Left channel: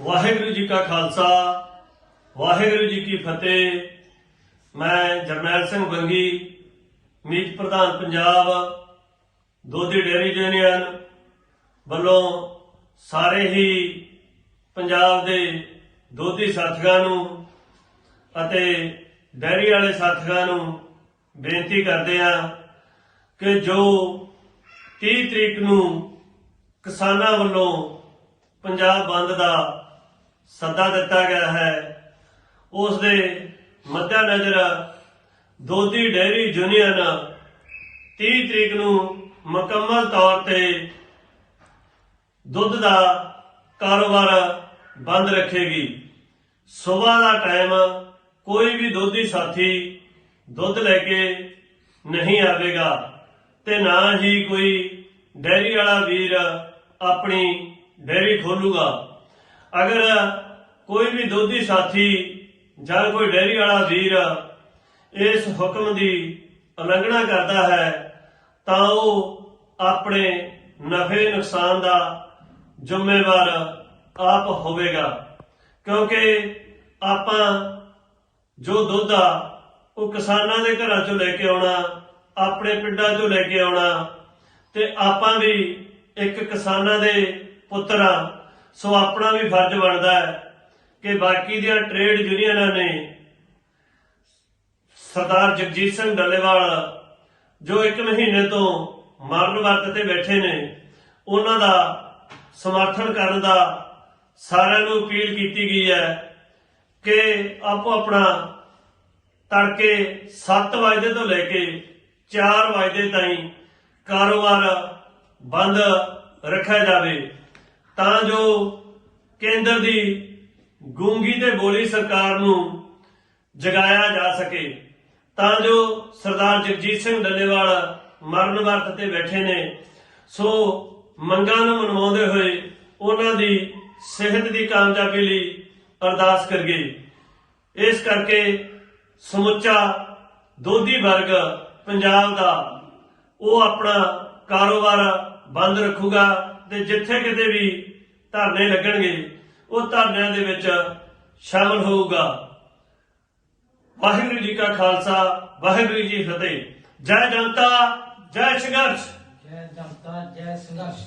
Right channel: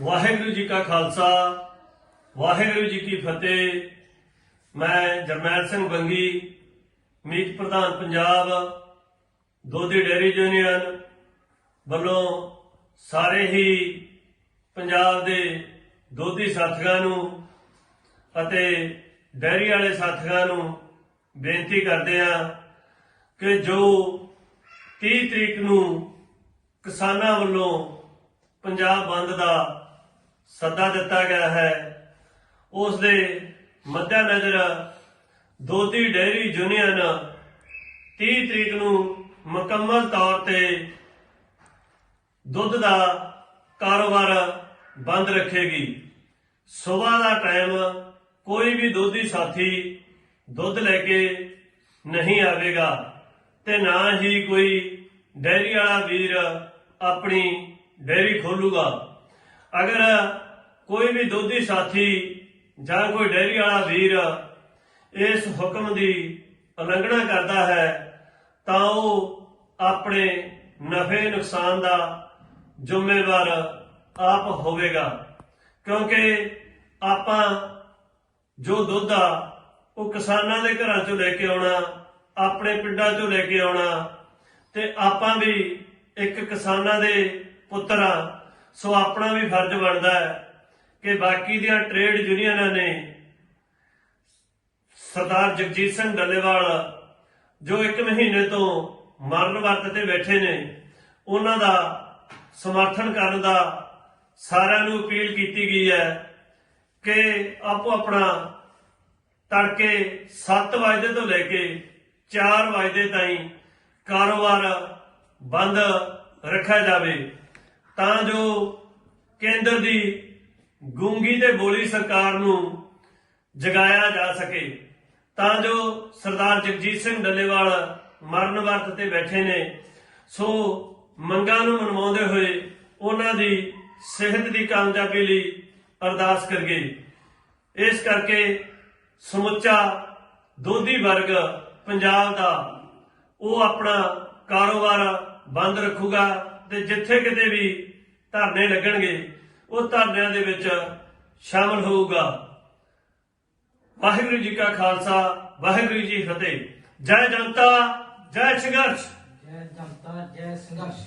ਵਾਹਿਗੁਰੂ ਜੀ ਕਾ ਖਾਲਸਾ, ਵਾਹਿਗੁਰੂ ਜੀ ਕੀ ਫਤਿਹ। ਮੈਂ ਜਰਨੈਲ ਸਿੰਘ ਬੰਗੀ, ਮੀਤ ਪ੍ਰਧਾਨ ਪੰਜਾਬ ਦੋਧੀ ਡੇਅਰੀ ਯੂਨੀਅਨ ਵੱਲੋਂ ਸਾਰੇ ਹੀ ਪੰਜਾਬ ਦੇ ਦੋਧੀ ਸਾਥੀਆਂ ਨੂੰ ਅਤੇ ਡੈਰੀ ਵਾਲੇ ਸਾਥੀਆਂ ਨੂੰ ਬੇਨਤੀ ਕਰਦੇ ਹਾਂ ਕਿ ਜੋ 30 ਤਰੀਕ ਨੂੰ ਕਿਸਾਨਾਂ ਵੱਲੋਂ ਪੰਜਾਬ ਬੰਦ ਦਾ ਸੱਦਾ ਦਿੱਤਾ ਗਿਆ ਹੈ। ਉਸ ਦੇ ਮੱਦੇਨਜ਼ਰ ਦੋਧੀ ਡੇਅਰੀ ਯੂਨੀਅਨ 30 ਤਰੀਕ ਨੂੰ ਮੁਕੰਮਲ ਤੌਰ ਤੇ ਦੁੱਧ ਦਾ ਕਾਰੋਬਾਰ ਬੰਦ ਰੱਖੇਗੀ। ਸਵੇਰ ਦਾ ਟਾਈਮ ਕੋਈ ਵੀ ਦੁੱਧੀ ਸਾਥੀ ਦੁੱਧ ਲੈ ਕੇ ਨਹੀਂ ਆਵੇਗਾ ਤੇ ਨਾ ਹੀ ਕੋਈ ਡੈਰੀ ਵਾਲਾ ਵੀਰ ਆਪਣੀ ਡੇਰੀ ਖੋਲੂਗਾ। ਅਗਰ ਕੋਈ ਵੀ ਦੁੱਧੀ ਸਾਥੀ ਜਾਂ ਕੋਈ ਡੈਰੀ ਵਾਲਾ ਵੀਰ ਇਸ ਹੁਕਮ ਦੀ ਉਲੰਘਣਾ ਕਰਦਾ ਹੈ, ਤਾਂ ਉਹ ਆਪਣੇ ਨਫੇ ਨੁਕਸਾਨ ਦਾ ਜ਼ਿੰਮੇਵਾਰ ਆਪ ਹੋਵੇਗਾ। ਕਿਉਂਕਿ ਆਪਾਂ ਜੋ ਦੁੱਧ ਆ, ਉਹ ਕਿਸਾਨਾਂ ਦੇ ਘਰਾਂ ਚੋਂ ਲੈ ਕੇ ਆਉਣਾ, ਆਪਣੇ ਪਿੰਡਾਂ ਚੋਂ ਲੈ ਕੇ ਆਉਣਾ, ਤੇ ਆਪਾਂ ਵੀ ਇੱਕ ਕਿਸਾਨਾਂ ਦੇ ਪੁੱਤਰ ਆ ਸੋ ਆਪਣਾ ਵੀ ਫਰਜ਼ ਬਣਦਾ ਹੈ ਕਿ ਬਾਕੀ ਦੀਆਂ ਟ੍ਰੇਡ ਯੂਨੀਅਨਾਂ ਨੇ ਸਰਦਾਰ ਜਗਜੀਤ ਸਿੰਘ ਡੱਲੇਵਾਲ, ਜੋ ਇੱਕ ਮਹੀਨੇ ਤੋਂ ਮਰਨ ਵਰਤ ਤੇ ਬੈਠੇ ਨੇ, ਉਹਨਾਂ ਦਾ ਸਮਰਥਨ ਕਰਨ ਦਾ ਸਾਰਿਆਂ ਨੂੰ ਅਪੀਲ ਕੀਤੀ ਗਈ ਹੈ ਕਿ ਆਪੋ ਆਪਣਾ ਤੜਕੇ 7 ਵਜੇ ਤੋਂ ਲੈ ਕੇ 4 ਵਜੇ ਤਾਈਂ ਕਾਰੋਬਾਰ ਬੰਦ ਰੱਖਿਆ ਜਾਵੇ। ਤਾਂ ਜੋ ਕੇਂਦਰ ਦੀ ਗੂੰਗੀ ਤੇ ਬੋਲੀ ਸਰਕਾਰ ਨੂੰ ਜਗਾਇਆ ਜਾ ਸਕੇ। ਤਾਂ ਜੋ ਸਰਦਾਰ ਜਗਜੀਤ ਸਿੰਘ ਡੱਲੇਵਾਲ ਮਰਨ ਵਰਤ ਤੇ ਬੈਠੇ ਨੇ, ਸੋ ਮੰਗਾਂ ਨੂੰ ਮਨਵਾਉਂਦੇ ਹੋਏ ਉਹਨਾਂ ਦੀ ਸਿਹਤ ਦੀ ਕਾਮਯਾਬੀ ਲਈ ਅਰਦਾਸ ਕਰਗੇ ਇਸ ਕਰਕੇ ਸਮੁੱਚਾ ਦੋਧੀ ਵਰਗ ਪੰਜਾਬ ਦਾ ਉਹ ਆਪਣਾ ਕਾਰੋਬਾਰ ਬੰਦ ਰੱਖੂਗਾ। ਤੇ ਜਿੱਥੇ ਕਿਤੇ ਵੀ ਧਰਨੇ ਲੱਗਣਗੇ, ਉਹ ਧਰਨਿਆਂ ਦੇ ਵਿੱਚ ਸ਼ਾਮਲ ਹੋਊਗਾ। ਵਾਹਿਗੁਰੂ ਜੀ ਕਾ ਖਾਲਸਾ, ਵਾਹਿਗੁਰੂ ਜੀ ਫਤਿਹ। ਜੈ ਜਨਤਾ, ਜੈ ਸੰਘਰਸ਼। ਜੈ ਜਨਤਾ, ਜੈ ਸੰਘਰਸ਼।